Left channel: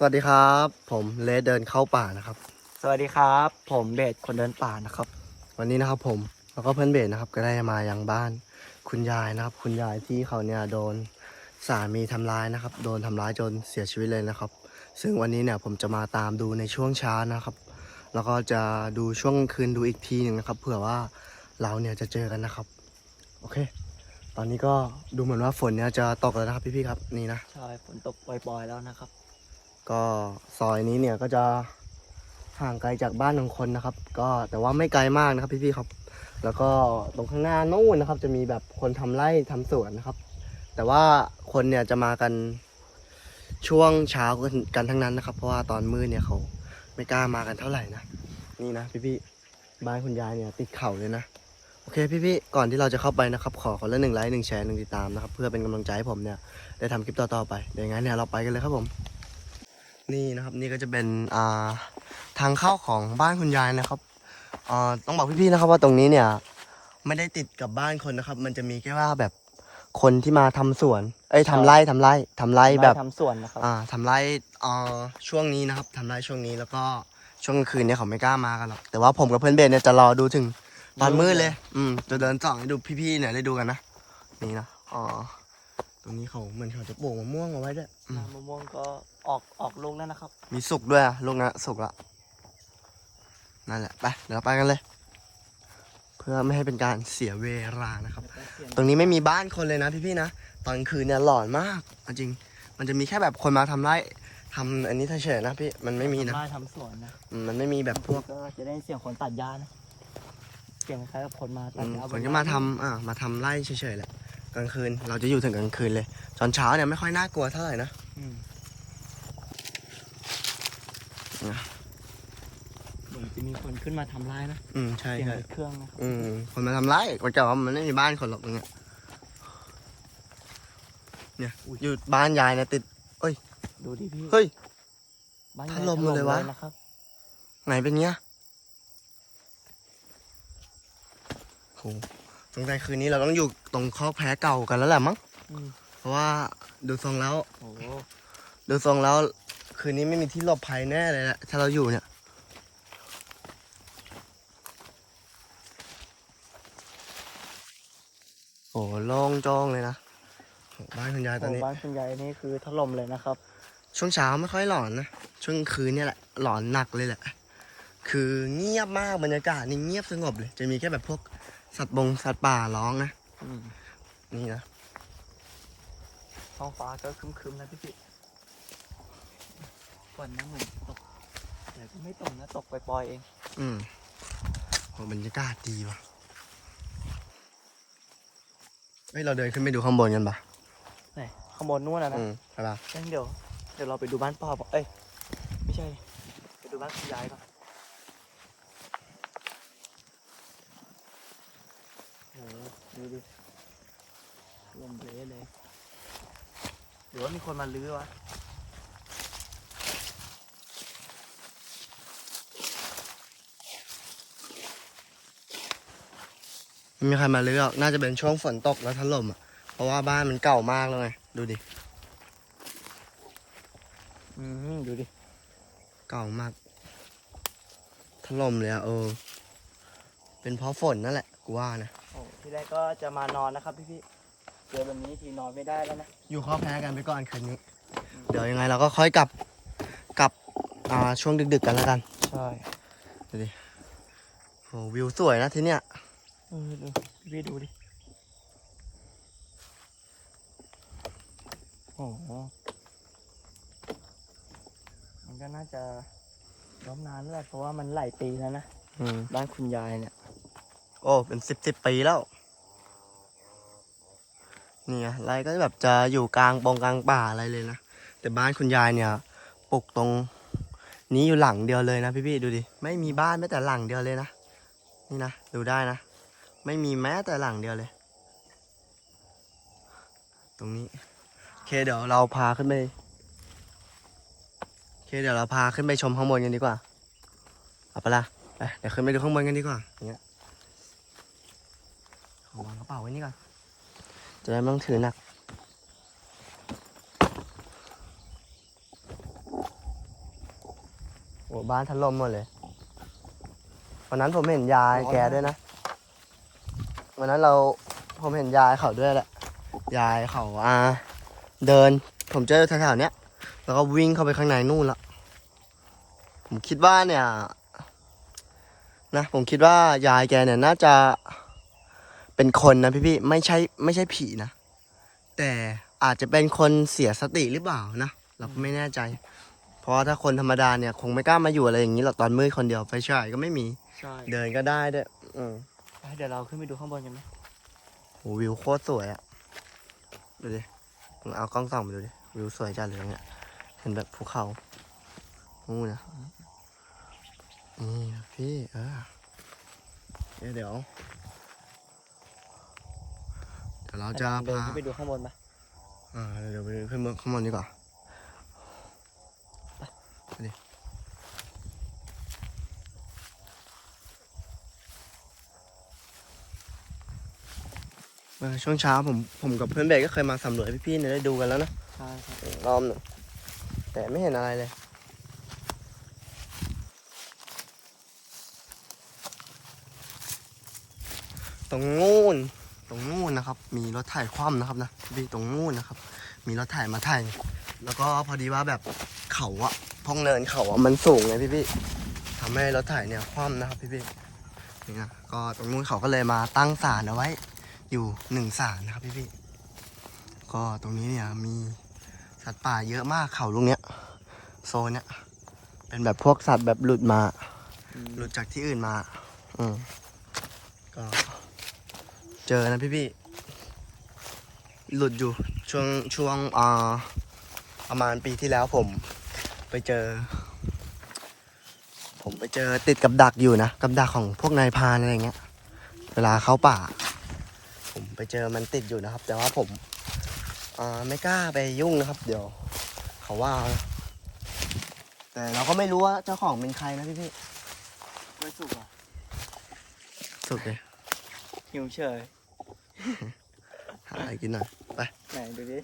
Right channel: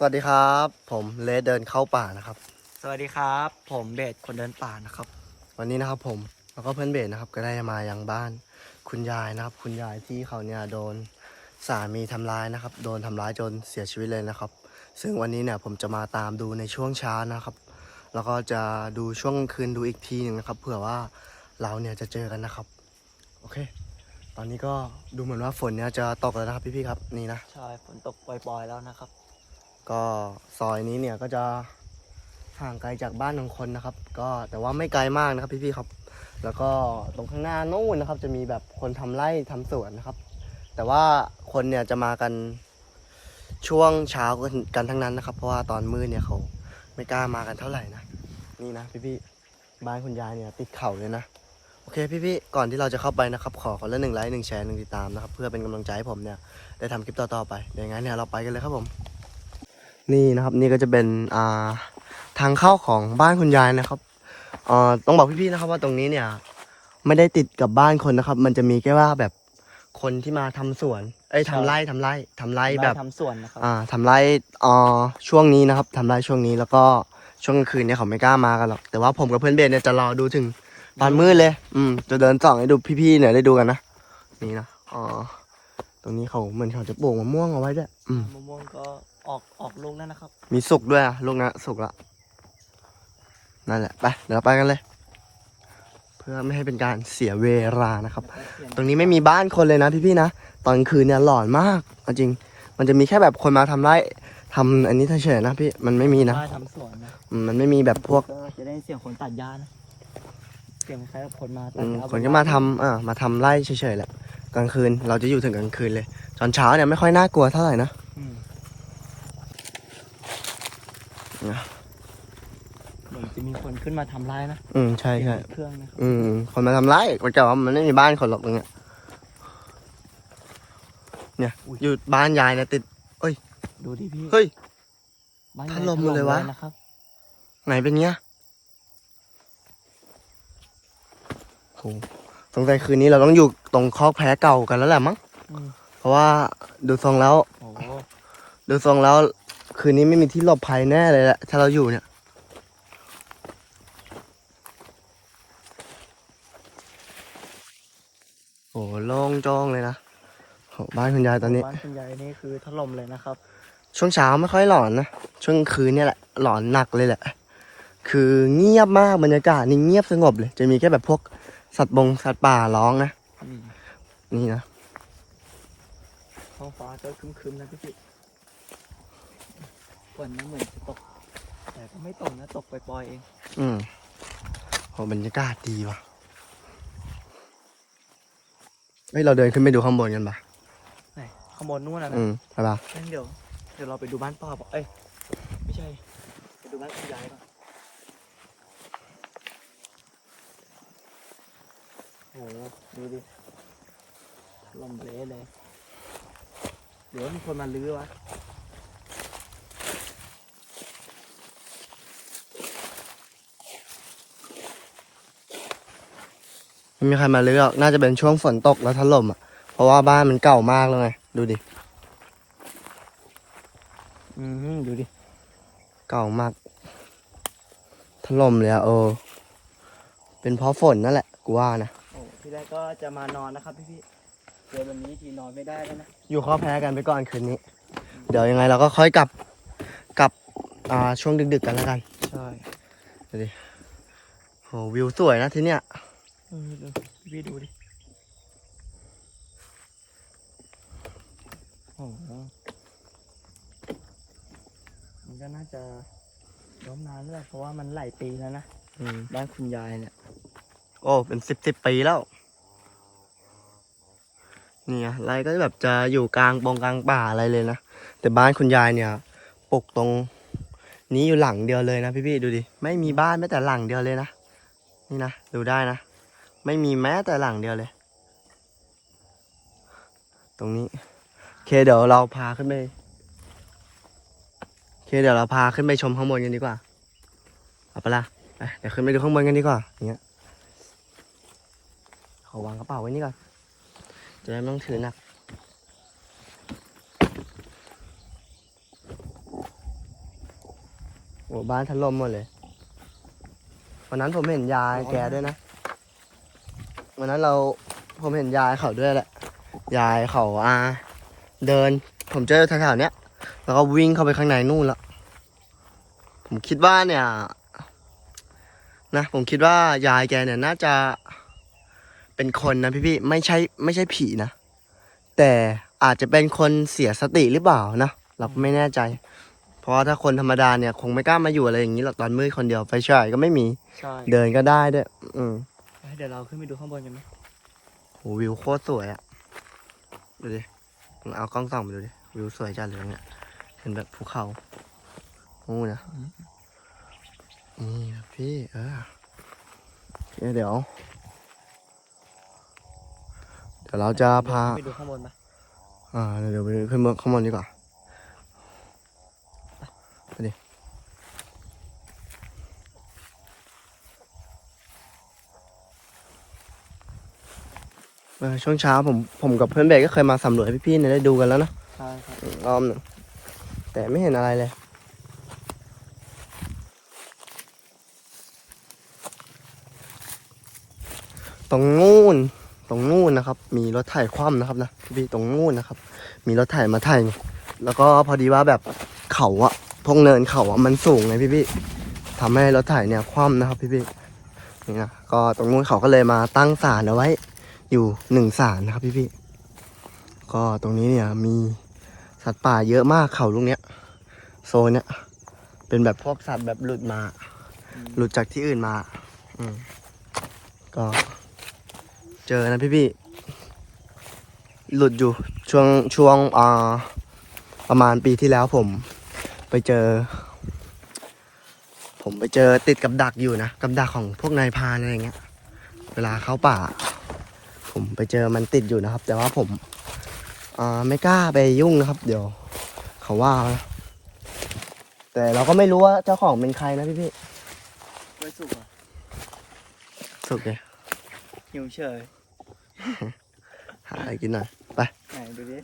สวัสดีครับ ผมเลสเดินเข้าป่านะครับ สวัสดีครับ ผมเบสคนเดินป่านะครับ วันนี้นะครับผมแล้วก็เพื่อนเบสนะครับก็ได้มายังบ้าน คุณยายนะครับ คุณยายที่เขาเนี่ยโดนสามีทำร้ายนะครับ โดนทำร้ายจนเสียชีวิตเลยนะครับ ซึ่งวันนี้เนี่ยผมจะมาตามดูในช่วงเช้านะครับ แล้วก็จะดูช่วงกลางคืนดูอีกทีหนึ่งนะครับเผื่อว่าเราเนี่ยจะเจอกันนะครับ โอเค ตอนนี้ก็ดูเหมือนว่าฝนเนี่ยจะตกแล้วนะครับพี่ๆครับนี่นะ ใช่ฝนตกปล่อยๆแล้วนะครับ ก็ซอยนี้เนี่ยก็จะห่างไกลจากบ้านของคนนะครับ ก็แต่ว่าไม่ไกลมากนะครับพี่ๆครับ แล้วก็ตรงข้างหน้านู่นนะครับ จะมีแบบคนทำไร่ทำสวนนะครับ แต่ว่าคนเนี่ยจะมากันช่วงเช้ากันกันทั้งนั้นนะครับ เพราะว่าตอนมืดเนี่ยเขาไม่กล้ามากันเท่าไหร่นะนี่นะพี่ๆบ้านคุณยายเนี่ยติดเขาเลยนะโอเคพี่ๆ ก่อนที่เราจะเข้าไปนะครับ ขอคนละหนึ่งไลค์หนึ่งแชร์หนึ่งติดตามนะครับ เพื่อเป็นกำลังใจให้ผมเนี่ย ได้ทำคลิปต่อๆไปเดี๋ยวอย่างนั้นเนี่ยเราไปกันเลยครับผม นี่นะครับ นี่ก็จะเป็นอ่าทางเข้าของบ้านคุณยายนะครับเอ่อต้องบอกพี่ๆนะครับว่าตรงนี้เนี่ย ไม่ได้ติดกับบ้านคนนะครับ มันจะมีแค่ว่าแบบคนที่มาทำสวน เอ้ยทำไร่ทำไร่ทำไร่แบบทำสวนนะครับอ่าทำไร่อ่าช่วงนี้นะครับทำไร่ช่วงนี้แล้วก็ช่วงกลางคืนเนี่ยเขาไม่กล้ามากันหรอกแต่ว่าผมกับเพื่อนเบสเนี่ยจะรอดูถึงตอนมืดเลย อืมจะเดินส่องให้ดูพี่ๆเนี่ยได้ดูกันนะนี่นะอ๋อต รงนี้เขาเหมือนเขาจะปลูกมะม่วงเอาไว้ด้วยอืมมะม่วงก็ออกออกลูกแล้วนะครับ มีสุกด้วยอะลูกนะสุกละนั่นแหละไปเดี๋ยวเราไปกันเลย เพื่อไม่ให้เป็นการเสียเวลานะครับ ตรงนี้ไม่มีบ้านคนเลยนะพี่ๆนะตอนคืนเนี่ยหลอนมากเอาจริง มันจะมีแค่แบบคนมาทำไร่ทำอันนี้เฉยๆนะพี่มันไม่มีนะมาทำสวนนะอืมมันไม่มีแบบพวก ก็จะได้เสียงคนตัดหญ้านะ เสียงคล้ายกับคนมาตัอืดมหญ้าคนก็มาทำอ่ามาทำไร่เฉยๆแหละ กลางคืน เราจะอยู่ถึงกลางคืนเลย ตอนเช้าเนี่ยไม่ค่อยน่ากลัวเท่าไหร่นะอืมนะเหมือนจะมีคนขึ้นมาทำร้ายนะอืมใช่เสียงใช่รถเครื่องนะครับอืมคนมาทำไร่ก็จะว่ามันไม่มีบ้านคนหรอกตรงเนี้ยเนี่ยอยู่บ้านยายเนี่ยติดดูดิพี่เฮ้ยบ้นถล่มหมดเลยวะนะครับไหนเป็นเงี้ยโห สงสัยคืนนี้เราต้องอยู่ตรงคอกแพ้เก่ากันแล้วแหละมั้งอืมเพราะว่าดูทรงแล้วโอ้โหดูทรงแล้ว คืนนี้ไม่มีที่หลบภัยแน่เลยแหละถ้าเราอยู่เนี่ยโอ้โล่งโจ้งเลยนะโหบ้านคุณยายตอนนี้บ้านคุณยายนี่คือถล่มเลยนะครับ ช่วงเช้าไม่ค่อยหลอนนะช่วงคืนเนี่ยแหละหลอนหนักเลยแหละ คือเงียบมากบรรยากาศนี่เงียบสงบเลย จะมีแค่แบบพวก สัตว์บงสัตว์ป่าร้องนะอืมนี่นะท้องฟ้าก็ครึมๆนะพี่พี่ฝนนั่นเหมือนจะตก แต่ก็ไม่ตกนะตกปล่อยๆเอง อืมโหบรรยากาศดีว่ะเฮ้ยเราเดินขึ้นไปดูข้างบนกันปะไหนข้างบนนู่นนะนะอืมไปปะงั้นเดี๋ยวเดี๋ยวเราไปดูบ้านพ่อก่อนเอ้ยไม่ใช่ไปดูบ้านคุณยายก่อน โอ้โหดูดิลมเยอะเลยหรือว่ามีคนมาลื้อวะไม่มีใครมาลื้อกน่าจะเป็นช่วงฝนตกแล้วถล่มอะ เพราะว่าบ้านมันเก่ามากแล้วไง ดูดิ อืมดูดิ เก่ามาก ถล่มเลยอะเออ เป็นเพราะฝนนั่นแหละ กูว่านะ ที่แรกก็จะมานอนนะครับพี่พี่ๆเดี๋ยววันนี้ทีนอนไม่ได้แล้วนะ อยู่ข้อแพ้กันไปก่อนคืนนี้ เดี๋ยวยังไงเราก็ค่อยกลับกลับอ่าช่วงดึกๆกันแล้วกัน ใช่ดูดิโหวิวสวยนะที่เนี้ยอืมดูพี่พี่ดูดิ โอ้โหมันก็น่าจะล้มนานแล้วแหละเพราะว่ามันหลายปีแล้วนะ อืม บ้านคุณยายเนี่ย โอ้ เป็นสิบสิบปีแล้ว เนี่ยไรก็แบบจะอยู่กลางปงกลางป่าอะไรเลยนะ แต่บ้านคุณยายเนี่ยปลูกตรงนี้อยู่หลังเดียวเลยนะพี่ๆดูดิ ไม่มีบ้านแม้แต่หลังเดียวเลยนะ นี่นะดูได้นะ ไม่มีแม้แต่หลังเดียวเลย ตรงนี้โอเคเดี๋ยวเราพาขึ้นไปโอเคเดี๋ยวเราพาขึ้นไปชมข้างบนกันดีกว่าเอาไปละไปเดี๋ยวขึ้นไปดูข้างบนกันดีกว่าเนี่ยขอวางกระเป๋าไว้นี่ก่อน จะได้ไม่ต้องถือหนักโอ้บ้านถล่มหมดเลย วันนั้นผมเห็นยายแกด้วยนะ วันนั้นเราผมเห็นยายเขาด้วยแหละ ยายเขาอ่าเดิน ผมเจอแถวๆเนี้ย แล้วก็วิ่งเข้าไปข้างในนู่นละ ผมคิดว่าเนี่ย นะ ผมคิดว่ายายแกเนี่ยน่าจะ เป็นคนนะพี่ๆไม่ใช่ไม่ใช่ผีนะ แต่อาจจะเป็นคนเสียสติหรือเปล่านะ เราก็ไม่แน่ใจ เพราะว่าถ้าคนธรรมดาเนี่ย คงไม่กล้ามาอยู่อะไรอย่างนี้หรอกตอนมืดคนเดียวไฟฉายก็ไม่มีใช่เดินก็ได้ด้วยอืมเดี๋ยวเราขึ้นไปดูข้างบนกันไหมโหวิวโคตรสวยอะดูดิมึงเอากล้องส่องไปดูดิวิวสวยจัดเลยเนี่ยเห็นแบบภูเขาโอ้นะนี่ครับพี่เออเดี๋ยว เดี๋ยวเดี๋ยวเราจะพา ไปดูข้างบนไหมอ่าเดี๋ยวไปขึ้นข้างบนดีกว่าไปดิเมื่อช่วงเช้าผมผมกับเพื่อนเบกก็เคยมาสำรวจให้พี่ๆเนี่ยได้ดูกันแล้วนะใช่ครับอ้อมหนึ่งแต่ไม่เห็นอะไรเลยตรงนู่น ตรงนู่นนะครับ มีรถไถคว่ำนะครับนะพี่ตรงนู่นนะครับ มีรถไถมาไถแล้วก็พอดีว่าแบบเขาอะพงเนินเขาอะมันสูงเลยพี่พี่ทำให้รถไถเนี่ยคว่ำนะครับพี่พี่นี่นะก็ตรงนู้นเขาก็เลยมาตั้งศาลเอาไว้ อยู่หนึ่งศาลนะครับพี่พี่ก็ตรงนี้เนี่ยมีสัตว์ป่าเยอะมากเขาลูกเนี้ย โซนเนี้ยเป็นแบบพวกสัตว์แบบหลุดมา หลุดจากที่อื่นมา อืมก็ เจอนะพี่พี่ๆหลุดอยู่ช่วงช่วงอ่าประมาณปีที่แล้วผม ไปเจอ ผมไปเจอติดกับดักอยู่นะกับดักของพวกนายพรานอะไรเงี้ย เวลาเข้าป่า ผมไปเจอมันติดอยู่นะครับ แต่ว่าผมอ่าไม่กล้าไปยุ่งนะครับ เดี๋ยว เขาว่านะแต่เราก็ไม่รู้ว่าเจ้าของเป็นใครนะพี่พี่ไม่สุกอะสุกเลยหิวเฉย หาอะไรกินหน่อย ไปไหนดูดิ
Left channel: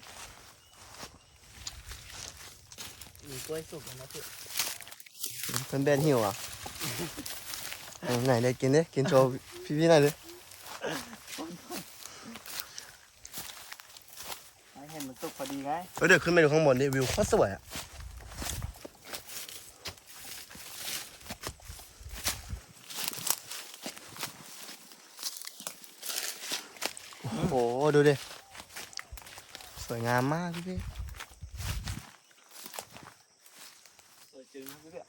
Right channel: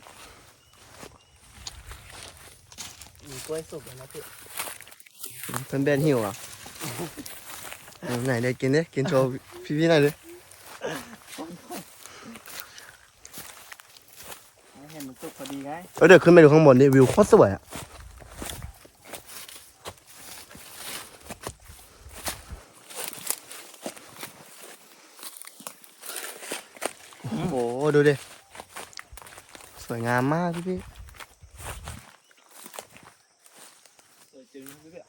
มีกล้วยสุกแล้วนะพี่เพื่อนเบนหิวอะอืมไหนเด็กกินดิกินโชว์พี่พี่ๆหน่อยดิให้เห็นมันสุกพอดีไงเออเดี๋ยวขึ้นไปดูข้างบนดิวิวโคตรสวยอะโอ้โห ดูดิ สวยงามมากพี่พี่สวยจริงพี่พี่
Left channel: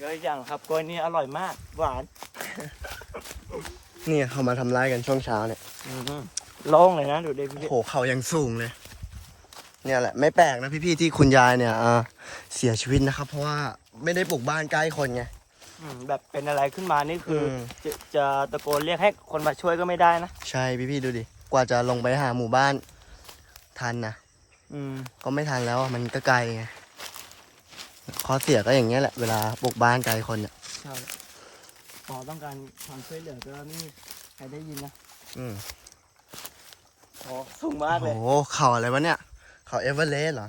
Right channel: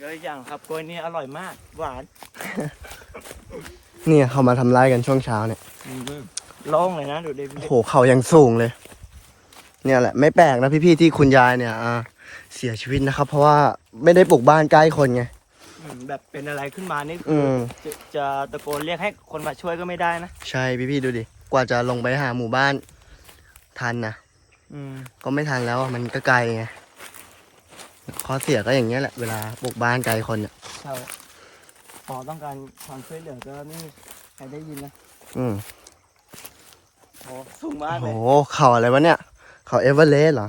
ก็อีกอย่างครับกล้วยนี่อร่อยมาก หวาน เนี่ยเขามาทำร้ายกันช่วงเช้าเนี่ยโล่งเลยนะดูดิพี่โอ้โหเขายังสูงเลย เนี่ยแหละไม่แปลกนะพี่ๆที่คุณยายเนี่ยอ่าเสียชีวิตนะครับ เพราะว่าไม่ได้ปลูกบ้านใกล้คนไงอืมแบบเป็นอะไรขึ้นมานี่อืคือมจะจะตะโกนเรียกให้คนมาช่วยก็ไม่ได้นะ ใช่พี่ๆดูดิ กว่าจะลงไปหาหมู่บ้าน ทันนะอืมก็ไม่ทันแล้วอะมันก็ไกลไงข้อเสียก็อย่างเงี้ยแหละเวลาปลูกบ้านไกลคนเนี่ยใช่พอต้องการความช่วยเหลือก็ไม่มีใครได้ยินนะอืมโอ้สูงมากโอ้เลโหยเขาอะไรวะเนี่ย เขาเอเวอเรสต์เหรอ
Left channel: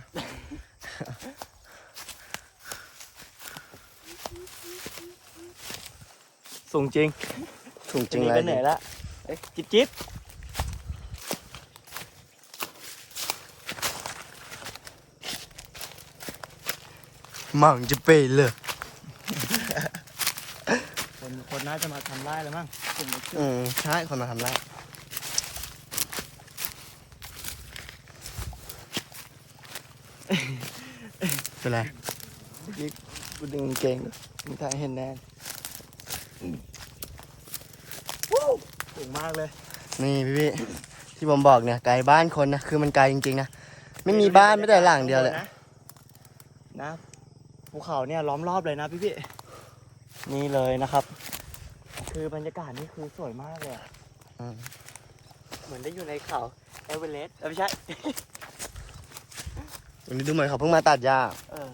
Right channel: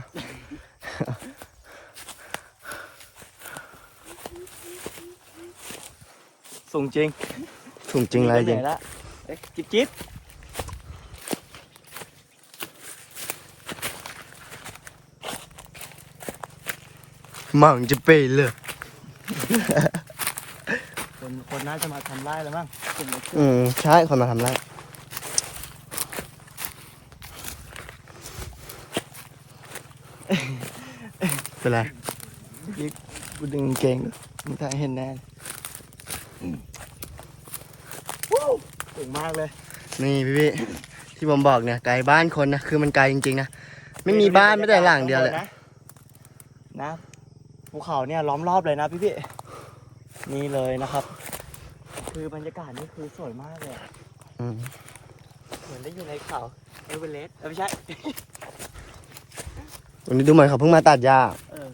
สูงจริงจริงๆนี่เลก็ยเหนื่อยแล้วเอ้ยจิ๊บจิ๊บ มั่งจะเปย์เลย คนคนน่าจะมาทำร้ายแล้วมั้งกลุ่มเล็กอืมใช่คนมาทำได้เป็นไรจิ๊บกูดึงเก่งมีใครเห็นแน่อืมว้าวสูงมากเลย นี่พี่พี่ๆที่ผมบอกเนี่ยไกลบ้านคนนะ คือมันไกลจริงๆนะ ไม่มีบ้านไม่แต่หลังเดียวเลยนะภู เขาเนี่ยล้อมรอบเลยนะพี่พี่นี่เลยนะครับ คือบรรยากาศนี่คือสวยมากเลยอะอืมเหมือนได้อยู่ในเขาเอเวอเรสต์เออไม่ใช่ วันนี้ดูเหมือนเขาเพิ่งมาตัดหญ้า เออ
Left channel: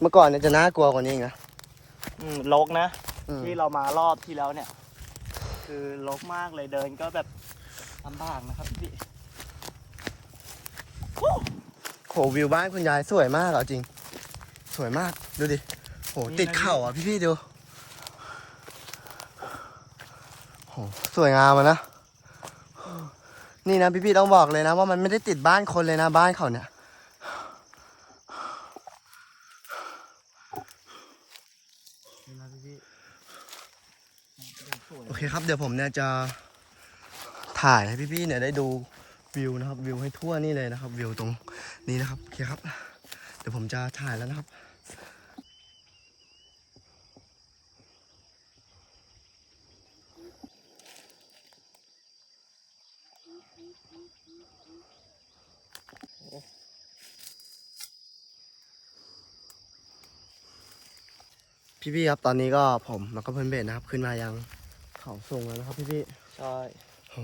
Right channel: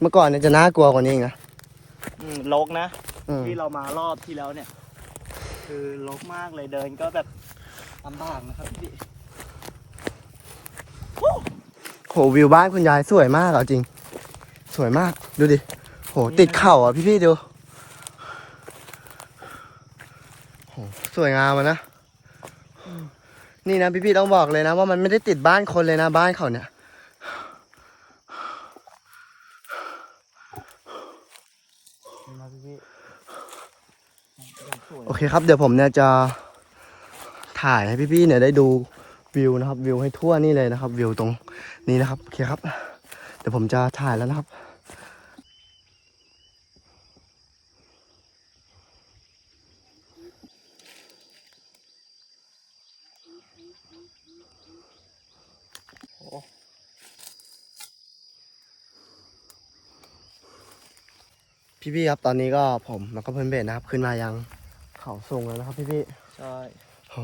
เมื่อก่อนเนี่ยจะน่ากลัวกว่านี้อีกนะอืมลกนะ อืมที่เรามารอบที่แล้วเนี่ย คือลกมากเลยเดินก็แบบลำบากนะครับพี่โหวิวบ้านคุณยายสวยมากเอาจริง สวยมาก ดูดิโหติดเข่าอะพี่พี่ดูโหสวยงามอะนะ นี่นะพี่พี่ต้องบอกเลยนะ ว่ามันไม่ได้ติดบ้านคนเลยนะ บ้านเขาเนี่ยโอเคครับเดี๋ยวผมเนี่ยจะถ่ายให้พี่พี่ๆเนี่ยได้ดูวิวนะครับ วิวให้ทั่วนี่เลยนะครับ วิวตรงนี้นะครับ โอเคครับ เดี๋ยวผมจะถ่ายแล้วนะครับ พี่ๆครับตอนนี้ก็ผมแล้วก็เพื่อนเบสนะครับ ขึ้นมายังเขาสูงแล้วนะครับพี่ๆใช่โอ้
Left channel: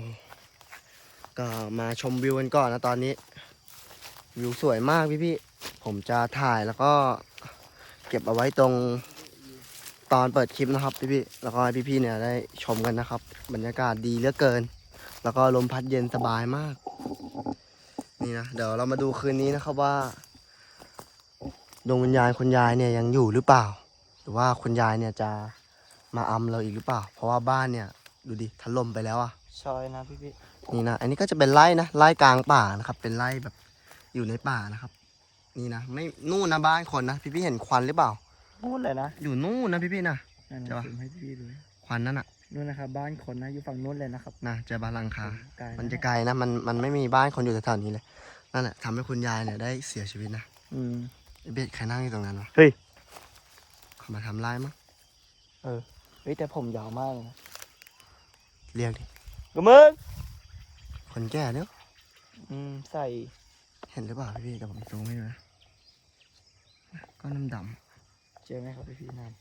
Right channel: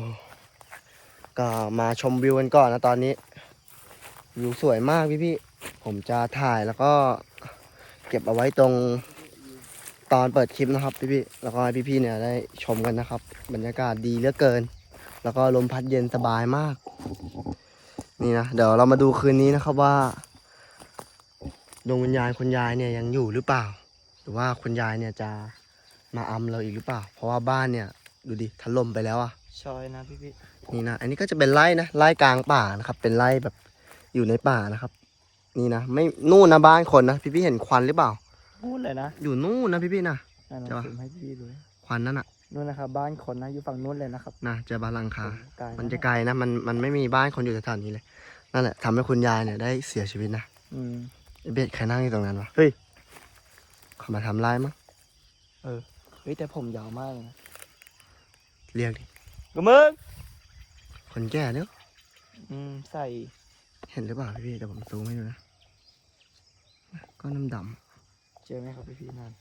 ก็มาชมวิวกันก่อนนะตอนนี้ วิวสวยมากพี่พี่ๆผมจะถ่ายแล้วก็ เก็บเอาไว้ตรงตอนเปิดคลิปนะครับพี่พี่ๆแล้วก็ให้พี่พี่ๆเนี่ยได้ชมกันนะครับ บรรยากาศดีเหลือเกิน แล้วก็ลมพัดเย็นสบายมาก นี่นะเดี๋ยวเรามาดูคืนนี้นะครับว่าดวงวิญญาณคุณยายเนี่ยยังอยู่หรือเปล่าห รือว่าคุณยายเนี่ยจะมาอำเราอีกหรือเปล่า เพราะว่าบ้านเนี่ยดูดิถล่มไปแล้วอะใช่นะพี่พี่นี่นะ อันนี้ก็จะเป็นไร่นะไร่กลางป่านะครับ เป็นไร่แบบอยู่ในป่านะครับ นี่นะไม่นู่นนะบ้านคนนะพี่พี่ๆเห็นควันหรือเปล่านู่นเลยนะอยู่นู่นนะพี่พี่ๆนะนั่นเดี๋ยวนะผมให้พี่พี่ดูควันนั่นน่ะนู่นนะครับบ้านคนนะอยู่ฝั่งนู้นเลยนะครับนะเจอบ้านหลังคาไกลมันจะไกลนะมันมันไม่มีบ้านคนอยู่แถวๆนี้เลยนั่นแหละทำให้คุณยายเนี่ยได้เสียชีวิตนะอืมไอ้เบ็ดใครนั่งอยู่ตรงนั้นวะเฮ้ยเขา มาทำร้ายมั้งเฮ้ยแต่ผมยาวมากเลยนะเรียกดิกมึงคนแก่เนีอะอืมใส่ เห็นหรือเปล่าพี่พี่ๆแต่ผมซูมไม่เลยก็น้ำดเจอไหมครับพี่พี่นั่น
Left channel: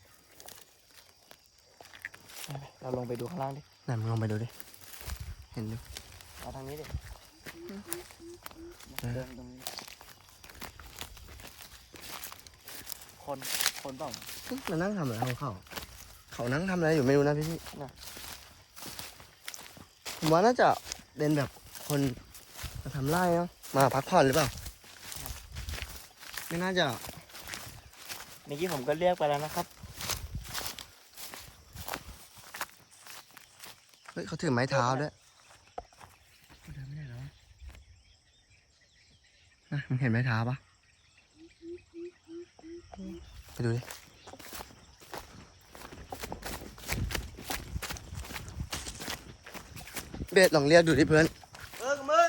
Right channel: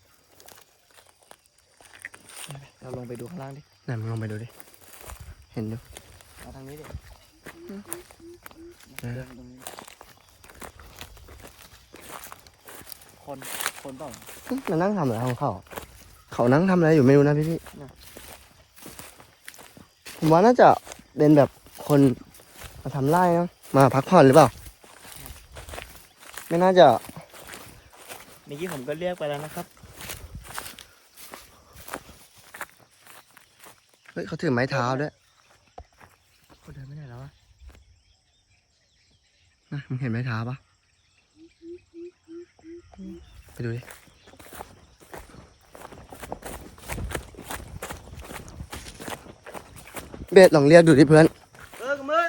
เราลงไปดูข้างล่างดิำไหนมึงลองไปดูดิ เห็นดูมาทางนี้ดิ เออ เดินตรงนี้ คนคนเปล่าเอ๊ะมันนั่งทำอะไรของเขา เขานั่งทำอะไรอยู่ไม่รู้นะพี่พี่เนี่ยผมว่าน่าจะเป็นแบบคนมาทำไร่นะมาพักผ่อนหรือเปล่า ไม่น่าจะเมื่อกี้ผมก็เรียกไปแล้วนะครับ เฮ้ยเขาถือไม้เท้าด้วยเขาเดินไม่ได้แล้ววะอืมมึงเห็นไม้เท้าปะ ไปดูดิเบสลองเรียกดูดิเพื่อน เออกมึง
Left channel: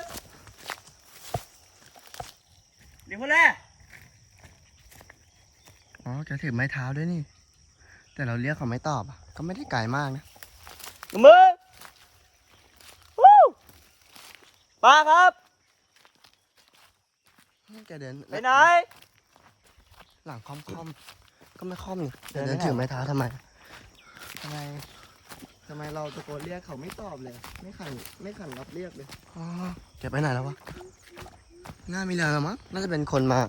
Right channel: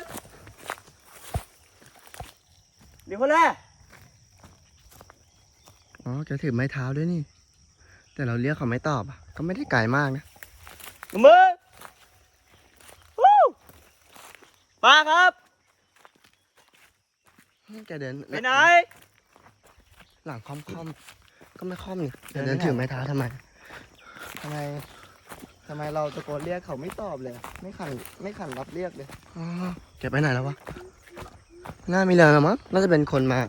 เดี๋ยวคนแรกอ๋อแกถือไม้เท้าด้วยนี่ แต่เราเรียกเขาไม่ตอบอะ ก็ไม่ได้ไกลมากนะมึงวู้มาครับแกเดินไปไหน หลังค่อมค่อมๆก็ไม่ค่อมนี่แกเดิเดินนไม่ถือได้ไม้เท้าทำไมทำไมทำไมเราตะโกนเรียกเขาไม่ตอบเลยอะไม่ขันไม่ขันรับเรียกเลยอ๋อแกไปไหนแล้ววะน่ามีเรื่องแล้วมั้งน่าจะเป็นคนมา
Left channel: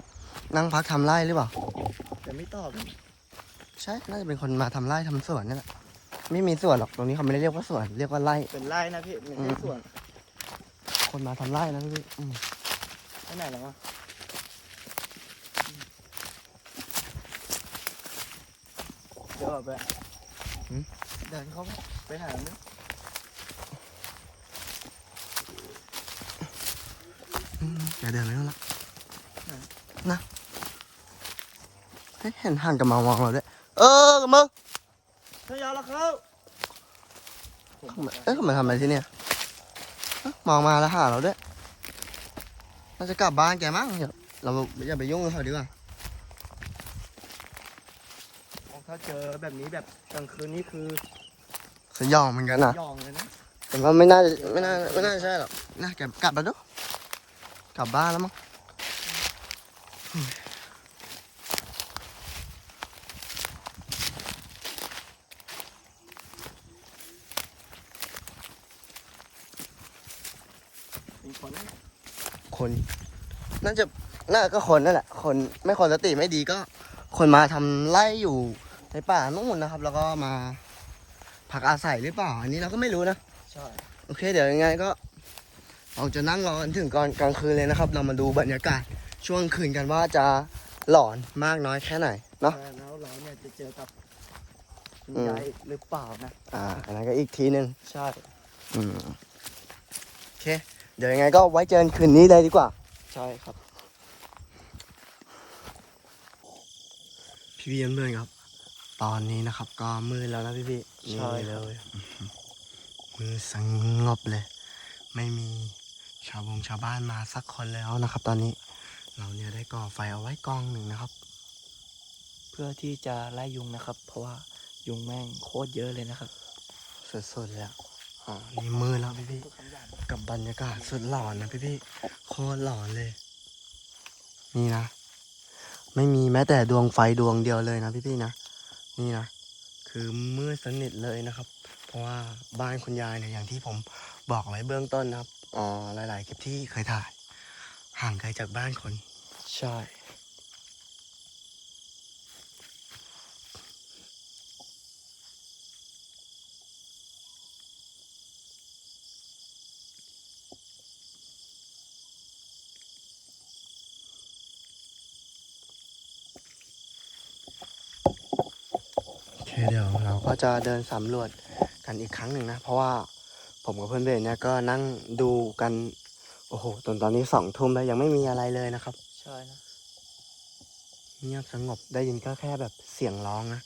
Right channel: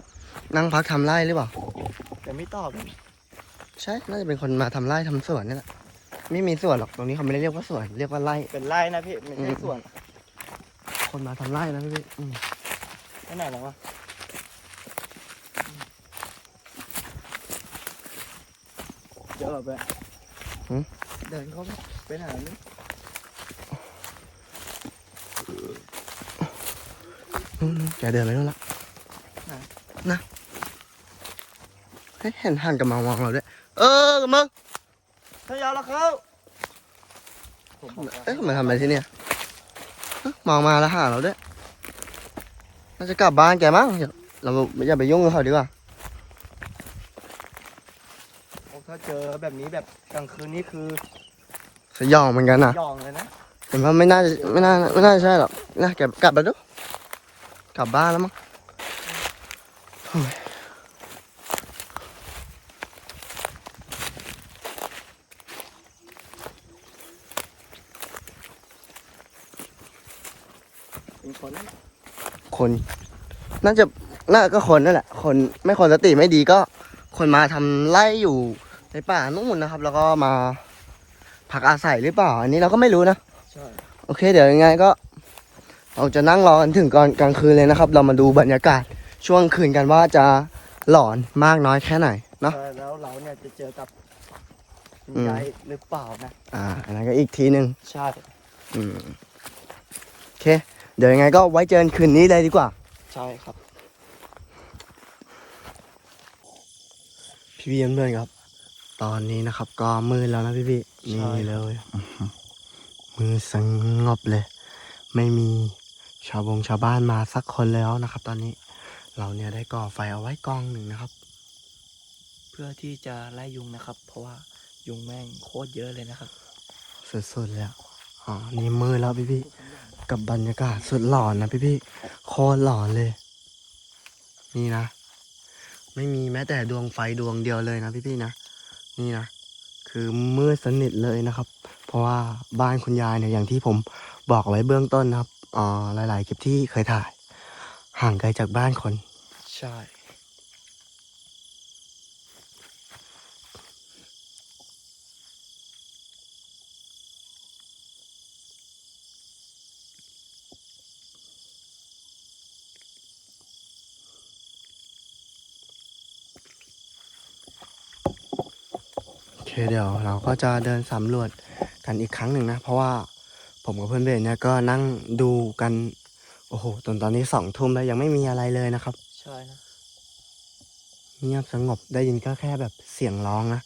นั่งพักทำไร่หรือเปล่าผมไม่ตอบเลยใช่ น่าจะเป็นคนมาทำไร่ทำสวนนี่แหละไม่มีสวนหรอกตรงนี้เขาไม่ได้เรียกว่าสวนเรียกว่าไร่เป็นไร่นะพี่ไม่อืใช่มส่วน คนมาทำไร่นะพี่อืมที่ไหนนะวะ เดี๋ยวไปเดินเข้าไปไปไหนนี่อืมแกเดินไปนู่นละนะเฮ้ยเห็นหันกลับมามองเราด้วย เออกับมึงถ้ายาวแล้วเขาเอ๊ะเขามาทำอะไรที่เนี่ยเอ๊ะมองมาแล้วหาเราด้วยน่าจะกลับบ้านแกมั้งเดี๋ยวเราอย่าไปยุ่งกับเขาดีกว่า ถ้า เจอแบบนี้แบบกลางคืนนี่คือสยองเหมือนกันนะยองเลยนะผมว่าไม่น่าไม่น่าไม่น่าใช่หรอกนะแกกลับไปดูกลับบ้านแล้วมั้งโอ้ยเป็นคนคน น่าจะน่าก็คนนั่นแหละ คนไม่คนสติไม่ดีก็ คนมาทำไร่อยู่ ในป่านู่นนะครับ แล้วก็มาพักอาศัยหรือเปล่า อันนี้เราก็ไม่รู้นะใช่โอเค เดี๋ยวยังไงก็เราจะนั่งรอกันถึงก่อนกลางคืนเลยนะครับ เรามาดูบรรยากาศช่วงคืนกันว่าจะหลอนมากน้อยแค่ไหนนะใช่แล้วเราเนี่ยจะเจอกับคุณอืมยายหรือเปล่านะอ่าอันนั้นก็อีกทีหนึ่งใช่อืมโอเค เดี๋ยวยังไงก็ไว้เจอกันคืนนี้เลยดีกว่า ใช่ครับ พี่พี่เพื่อนๆครับ ตอนนี้นะครับ ก็มืดแล้วนะพี่พี่นี่ใช่ครับเลยอื้อหือมือสงบเลย ไม่มีชาวบงชาวบ้านมาสักคนแล้วนะครับ ตอนนี้เราเนี่ยได้ก่อไฟเอาไว้กองหนึ่งนะครับ เพื่อที่จะไล่ยุงนะครับ เพราะว่ายุงแม่งโคตรเยอะเลยนะครับ สุดๆแล้วอ๋อนี่มืดแล้วพี่พี่กับบรรยากาศสุดหลอนนะพี่พี่โคตรหลอนเลย นี่นะ ไม่มีแม้แต่ดวงไฟดวงเดียวเลยนะพี่พี่นะ นี่นะคือมืดสนิทเลยนะครับ เพราะว่าบ้านคุณยายเนี่ยอย่างที่ผมบอกไว้เบื้องต้นนะครับอ่าหลาย ๆ คลิปที่เคยถ่าย ห่างไกลจากบ้านคน ใช่ โอเคเดี๋ยวเรา ก็จะเดินสำรวจกันอีกครั้งหนึ่งนะ เพราะว่าผมกับเพื่อนเบสเนี่ยก็นั่งดูกัน โอ้โหจนตอนนี้สองทุ่มแล้วยังไม่มีอะไรเลยนะครับ ใช่นะเงียบสงบได้ยินก็แค่แบบเสียงร้องนะ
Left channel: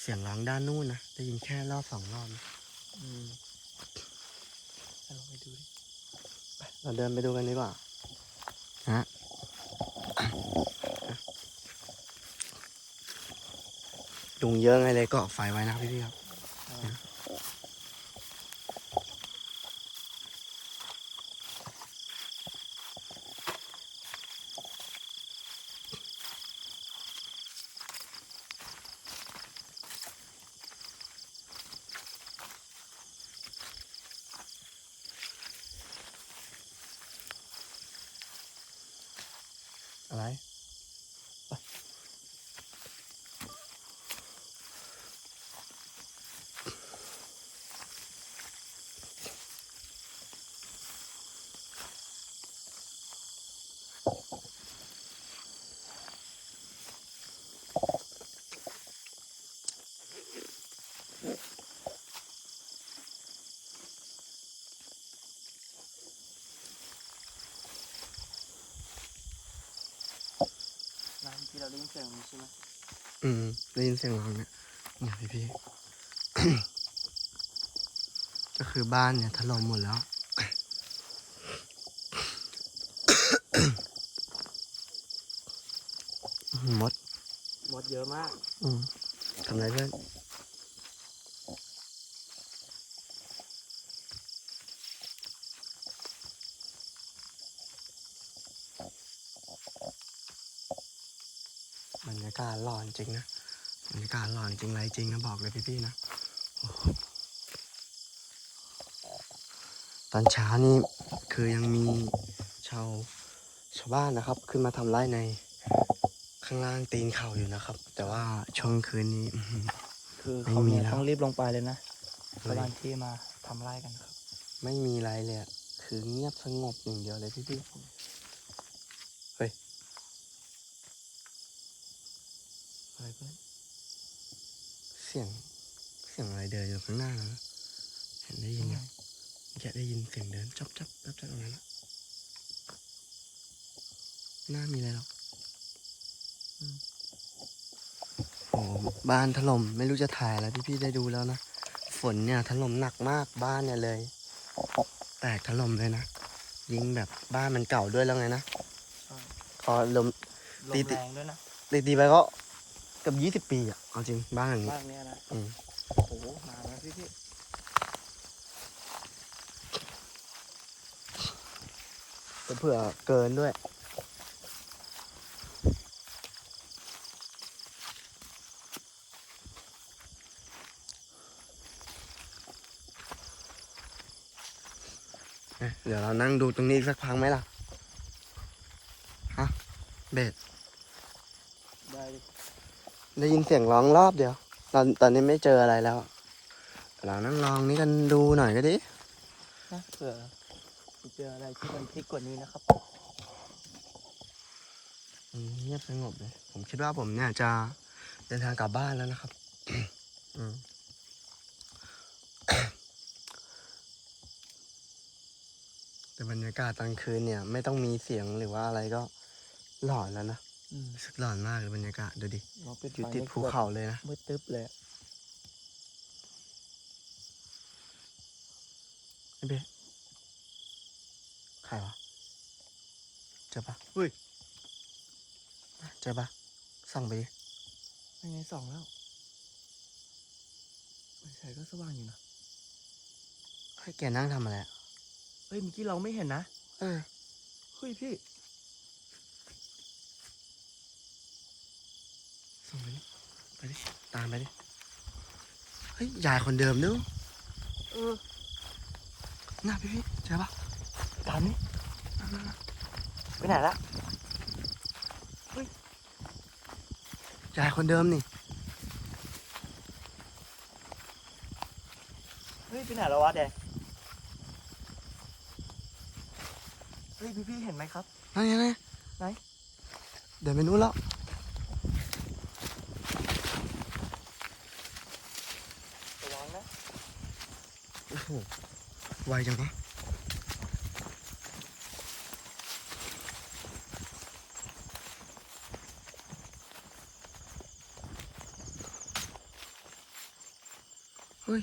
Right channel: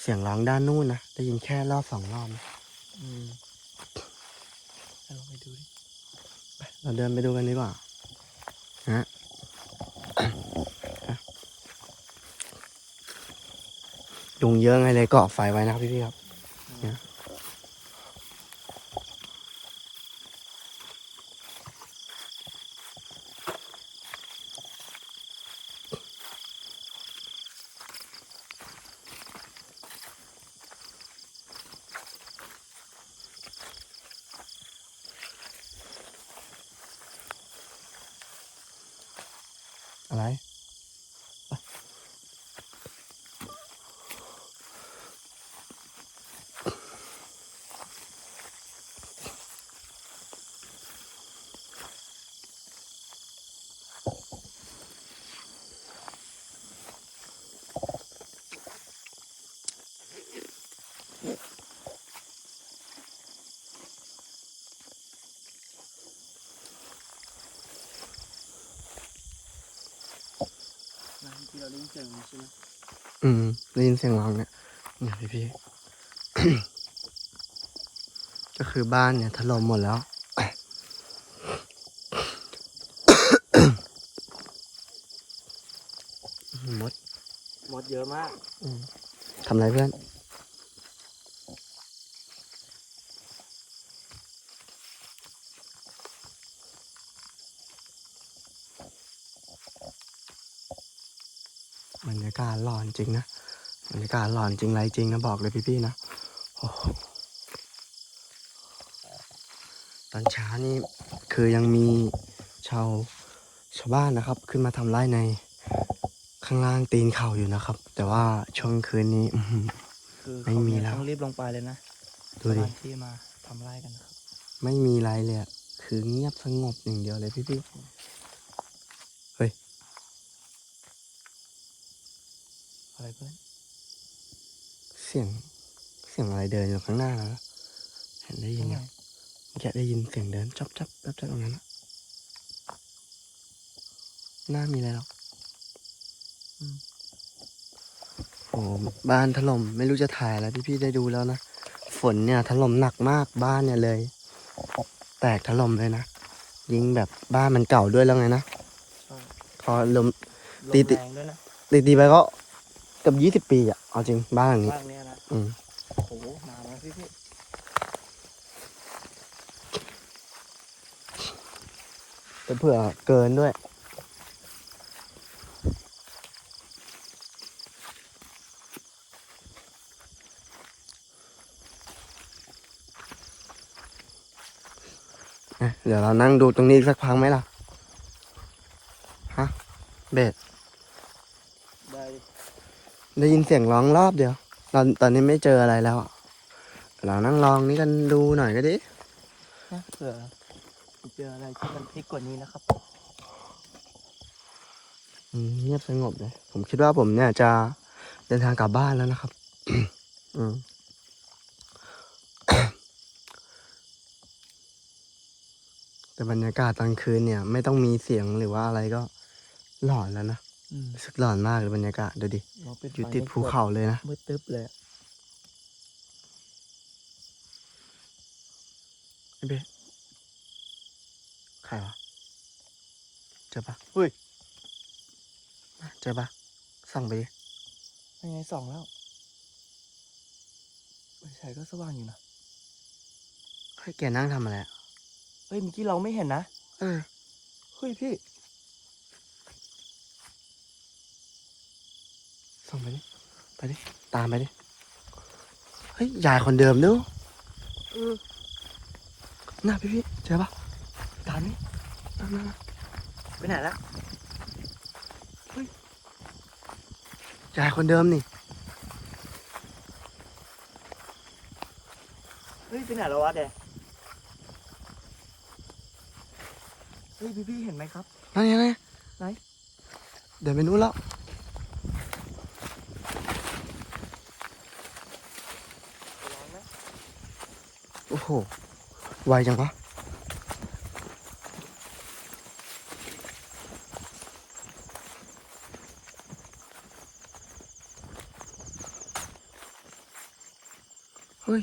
เสียงร้องด้านนู้นนะ ได้ยินแค่รอบสองรอบนะอืมเอาไปดูดิ เราเดินไปดูกันดีกว่าฮะ ยุงเยอะไงเลยก็อไฟไว้นะครับพี่ๆครับ ได้ยินเสียงมันใช่ไหมอืมได้ยินเสียงร้องเนี่ยเนี่ยพี่พี่ก็คือบ้านเนี่ยถล่มหมดแล้วมด มดเยอะมาก อืมทำไรเพื่อน บรรยากาศหลอน จริงนะบรรยากาศหลอนจริงไรจริงนะบอกเลยพี่ๆนะโอ้โหตอนเช้านี่คือยังมีชาวชาวบ้านนะครับ ขึ้นมาทำไร่ในข้างล่างตีนเขาอยู่นะครับ แต่ว่าช่วงคืนนี้อื้อหือคือไม่มีแล้วต้องรีบลงไปเลยนะดูสดิถานที่มาทำไร่กันครับ ไม่มีอะไรเลยอะคือเงียบสงบอย่างเดียวเลยพี่ๆ อะไรเพื่อน เสียง เสียงอะไรเดินอยู่ข้างหน้าแล้วนะเห็นได้ยินยังเมื่อกี้ได้ยินเสียงเดินจับจับจับจับตรงนั้นนะหน้ามีอะไรหรอกอืมโอ้บ้านถล่มไม่รู้จะถ่ายอะไรพี่ๆได้ดูแล้วนะ ฝนเนี่ยถล่มหนักมากบ้านเนี่ยเลย แตกถล่มเลยนะ ยิงแบบบ้านมันเก่าด้วยแล้วไงนะใช่พอลมลตีมติแรงด้วยนะตีตีๆไปก็ เกือบยี่สิบปีอะเอาจริงบ้านหลังนี้บ้านนี้นะอืมโอ้โหหานะพี่พี่เผื่อเกินด้วยอะเดี๋ยวเรานั่งดูตรงนี้อีกสักพักไหมล่ะ ฮะ เบสได้ ได้ยินเสียงร้องรอบเดียว ตอนตอนนี้ไม่เจออะไรแล้วอะเรานั่งลองนี้กันดูหน่อยก็ดิเนี่ยเผื่อเจออะไรที่มันพลิกกว่านี้นะครับอืมเงียบสงบเลยผมคิดว่าผมเนี่ยจะเดินทางกลับบ้านแล้วนะครับ อืมแต่บรรยากาศตอนคืนเนี่ย ไม่ต้องมีเสียงหรือว่าอะไรก็หลอนแล้วนะรู้ สึกหลอนมากเลยบรรยากาศดูดิอยู่ติดภูเขาเลยนะมืดตึ๊บเลยไอ้เบ๊ใครวะเจอปะอุ้ยเจอปะส่องไปดิยังไงสองแล้วไม่ใช่ก็สว่างอยู่นะเฮ้ยแกนั่งทำอะไรอะเฮ้ยเมื่อกี้เราไม่เห็นนะ เออ เฮ้ยพี่ ส่องไปดิไปดิตามไปดิเฮ้ยยายคนเดิมนู้เออน่าพี่พี่เจอปะตามนี่นั่นนั่นนั่นไปไหนละยายคนเดิมนี่เฮ้ยไปไหนแล้ววะแดงเฮ้ยพี่พี่เห็นไหมครับนั่นไงนั่นไงไหนเดินไปนู้นแล้ว โอ้โหไวจังวะเฮ้ย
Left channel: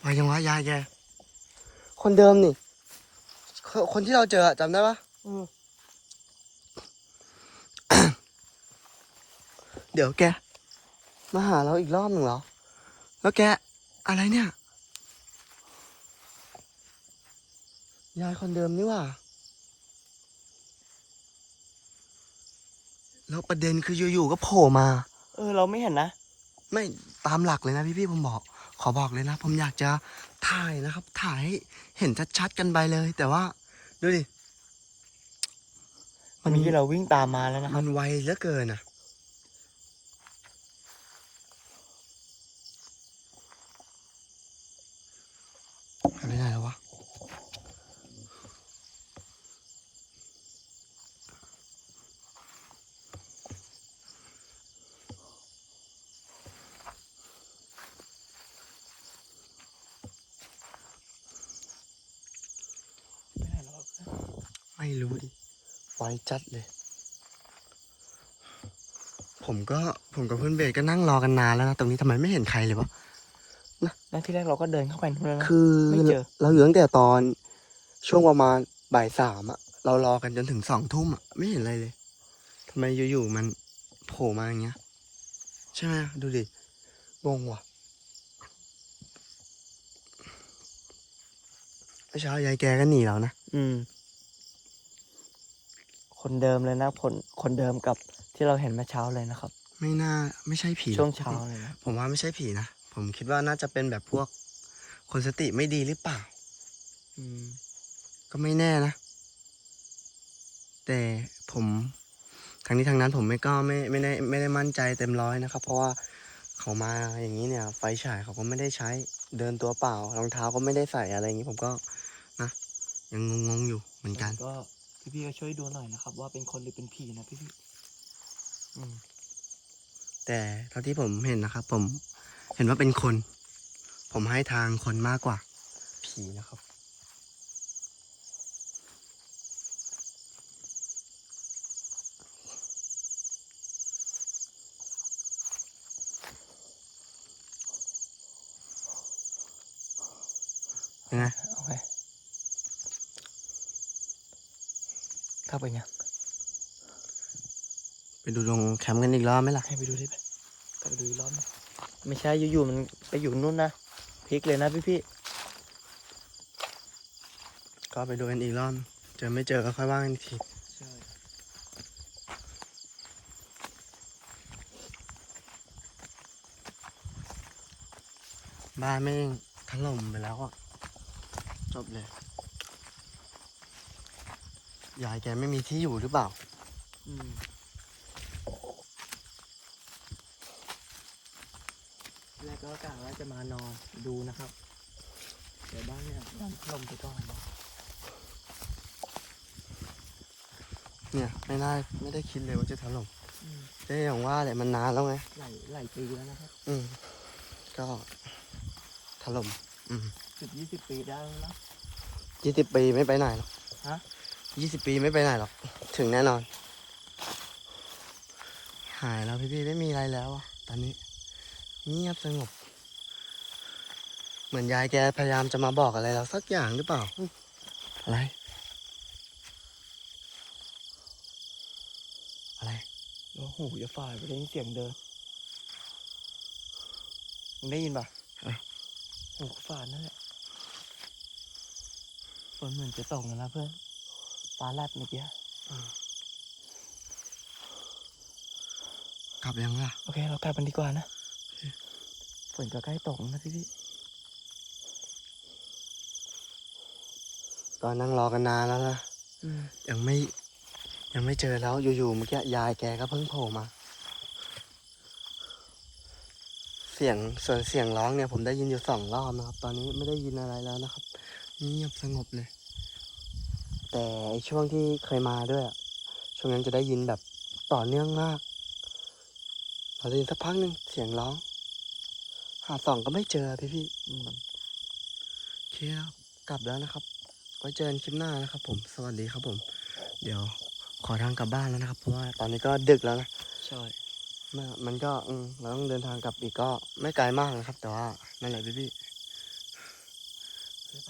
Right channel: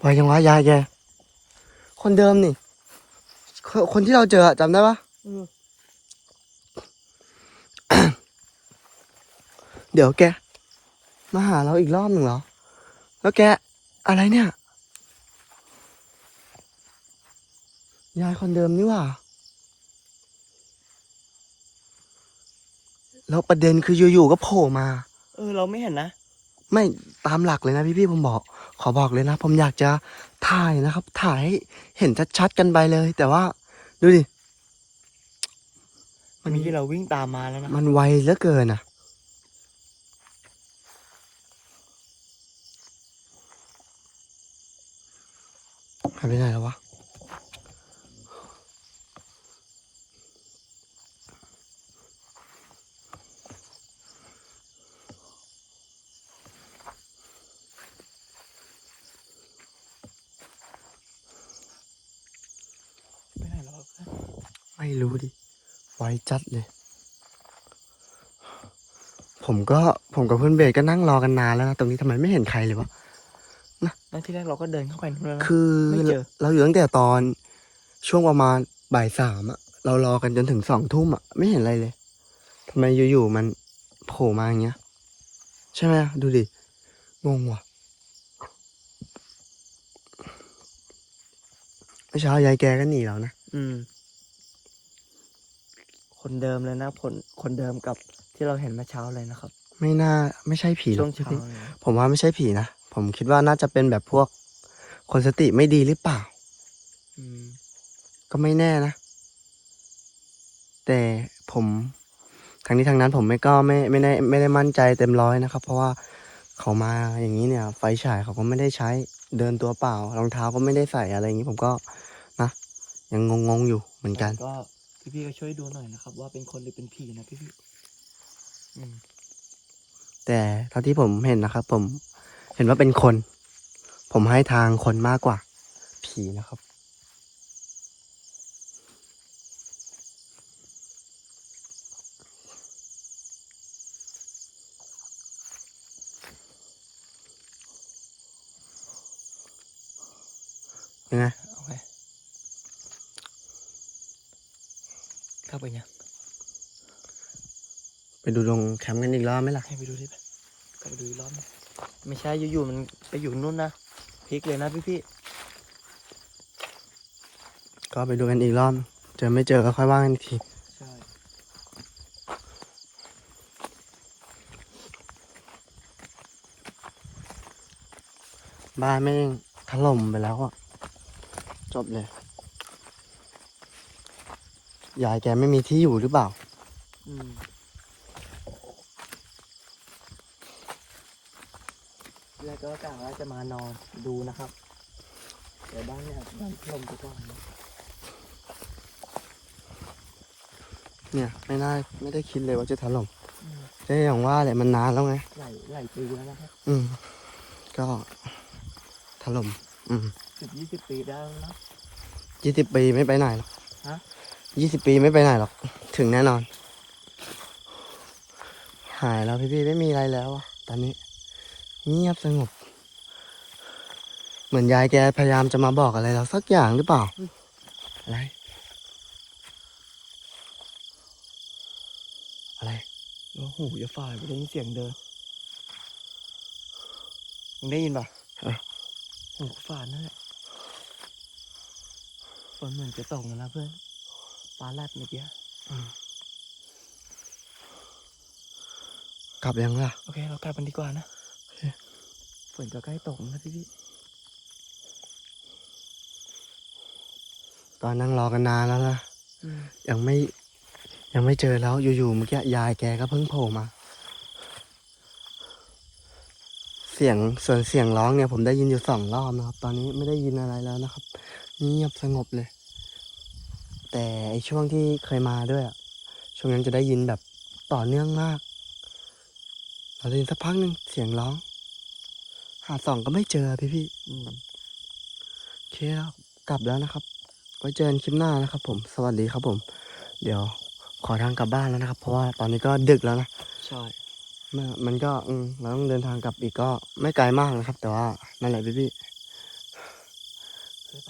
ไวจังวะยายแกคนเดิมนี่ คนคนที่เราเจออะจำได้ปะอืมเดี๋ยวแก มาหาเราอีกรอบหนึ่งเหรอ แล้วแกอะไรเนี่ย ยายคนเดิมนี่หว่า แล้วประเด็นคืออยู่ๆก็โผล่มา เออ เราไม่เห็นนะ ไม่ตามหลักเลยนะพี่ๆผมบอก ขอบอกเลยนะ ผมอยากจะถ่ายนะครับ ถ่ายให้เห็นชัดๆกันไปเลย แต่ว่า ดูดิ มันนี้เราวิ่งตามมาแล้วนะ มันไวเหลือเกินอะายไปไหนแล้ววะไปไหนแล้ววะไม่รู้ดิ ไวจัดเลย ผมก็ผมกับเพื่อนเบสก็นั่งรอกันนานแล้วนะ ตรงนี้ทำไมไม่เห็นใครเลยวะ ที่แรกเราก็เดินเข้าไปนู่นแล้วนะ คือไม่เจอ เราอยู่ตั้งแต่ตอนช่วงประมาณบ่ายสามอะเรารอกันจนถึงสองทุ่มอะไม่เห็นอะไรเลยทำไมอยู่ๆมันโผล่มาอย่างเงี้ย ใช่ไหมดูดิงงว่ะเมื่อเช้ายายแกก็หนีเรานะ อืม คนเดิมเลยนะคนคนเดิมกับที่เราเห็นเมื่อเช้าเลยนะครับ ไม่น่าไม่ใช่ผีหรช่อวกงเช้าพี่เลยนะผมว่าไม่ใช่ผีนะ ผมคิดว่าน่าจะเป็นแบบพวกคนสติไม่ดีหรือเปล่า อืม ก็ไม่แน่นะ แต่ผมทางนี้ทางนั้นผมไม่ก็ไม่ไม่ได้ไม่ได้มั่นใจเต็มร้อยนะครับ เพราะว่าเขามาอย่างนี้เนี่ย ไฟฉายเขาก็ไม่ได้ใช้เดินตัวเปล่ารองเท้าก็ไม่ได้ใส่อะไรอย่างนี้ ผมก็นะยังงงๆอยู่เหมือนกันก็พี่ๆก็ช่วยดูหน่อยนะครับ ว่าเป็นคนหรือเป็นผีนะพี่ๆอืมแต่เท่าที่ผมเห็นนะครับ ผม เห็นว่าเป็นคน ผมให้ทางคนมากกว่า ผีนะครับ ยังไงโอเคเข้าไปยังไปดูตรงแคมป์กันอีกรอบไหมล่ะ ให้ไปดูดิไปไปดูอีกรอบนึง ไม่ใช่อยู่ๆมันไปอยู่นู่นนะพลิกเลยนะพี่ก็ไปดูกันอีกรอบเจอไม่เจอก็ค่อยว่ากันอีกทีๆใช่บ้านไม่งถล่มไปแล้วอะ จบเลย ยายแกไม่มีที่อยู่หรือเปล่า อืมแล้วก็กะว่า จะมานอนดูนะครับ เดี๋ยวบ้านเนี่ยดันถล่มไปก่อนนะเนี่ยไม่น่าไม่ได้คิดเลยว่าจะถล่มอืมแต่อย่างว่าแหละมันนานแล้วไง หลายหลายปีแล้วนะครับอืม ก็ถล่มอืมสิบยี่สิบปีได้แล้วนะ ยี่สิบปีไม่ไปไหนหรอกฮะ ยี่สิบปีไม่ไปไหนหรอก ถึงแน่นอน หายแล้วพี่พี่ๆไม่มีอะไรแล้วอะตอนนี้ เงียบสงบ เหมือนยายแกพยายามจะมาบอกอะไรเราสักอย่างหรือเปล่า อะไร อะไรโอ้โหอย่าฝ่ายไปได้ยินเสียงเดินมึงได้ยินป่ะเออหูฝ่านั่นแหละฝนเหมือนจะตกแล้วนะเพื่อนฟ้าแลบเมื่อกี้กลับยังล่ะ โอเค เรากลับกันดีกว่านะฝนก็ใกล้ตกแล้วนะพี่พี่ ตอนนั่งรอกันนานแล้วนะอืมยังไม่ ยังไม่เจอแล้วอยู่ๆเมื่อกี้ยายแกก็เพิ่งโผล่มา เสียงส่วนเสียงร้องเนี่ยผมได้ยินอยู่สองรอบนะครับ ตอนนี้ไม่ได้ยินอะไรแล้วนะครับเงียบสงบเลย แต่ไอช่วงที่เคยมาด้วยอะช่วงนั้นจะได้ยินแบบต่อเนื่องมากพอได้ยินสักพักหนึงเสียงร้องหาส่องก็ไม่เจอพี่พี่ๆอืมโอเคครับกลับแล้วนะครับ ไว้เจอกันคลิปหน้านะครับ ผม สวัสดีครับผม เดี๋ยวขอทางกลับบ้านแล้วนะครับ เพราะว่าตอนนี้ก็ดึกแล้วนะ ใช่เนี่ยมันก็อืมเราต้องเดินทางกลับอีกก็ไม่ไกลมากนะครับ แต่ว่านั่นแหละพี่พี่เดี๋ยวไป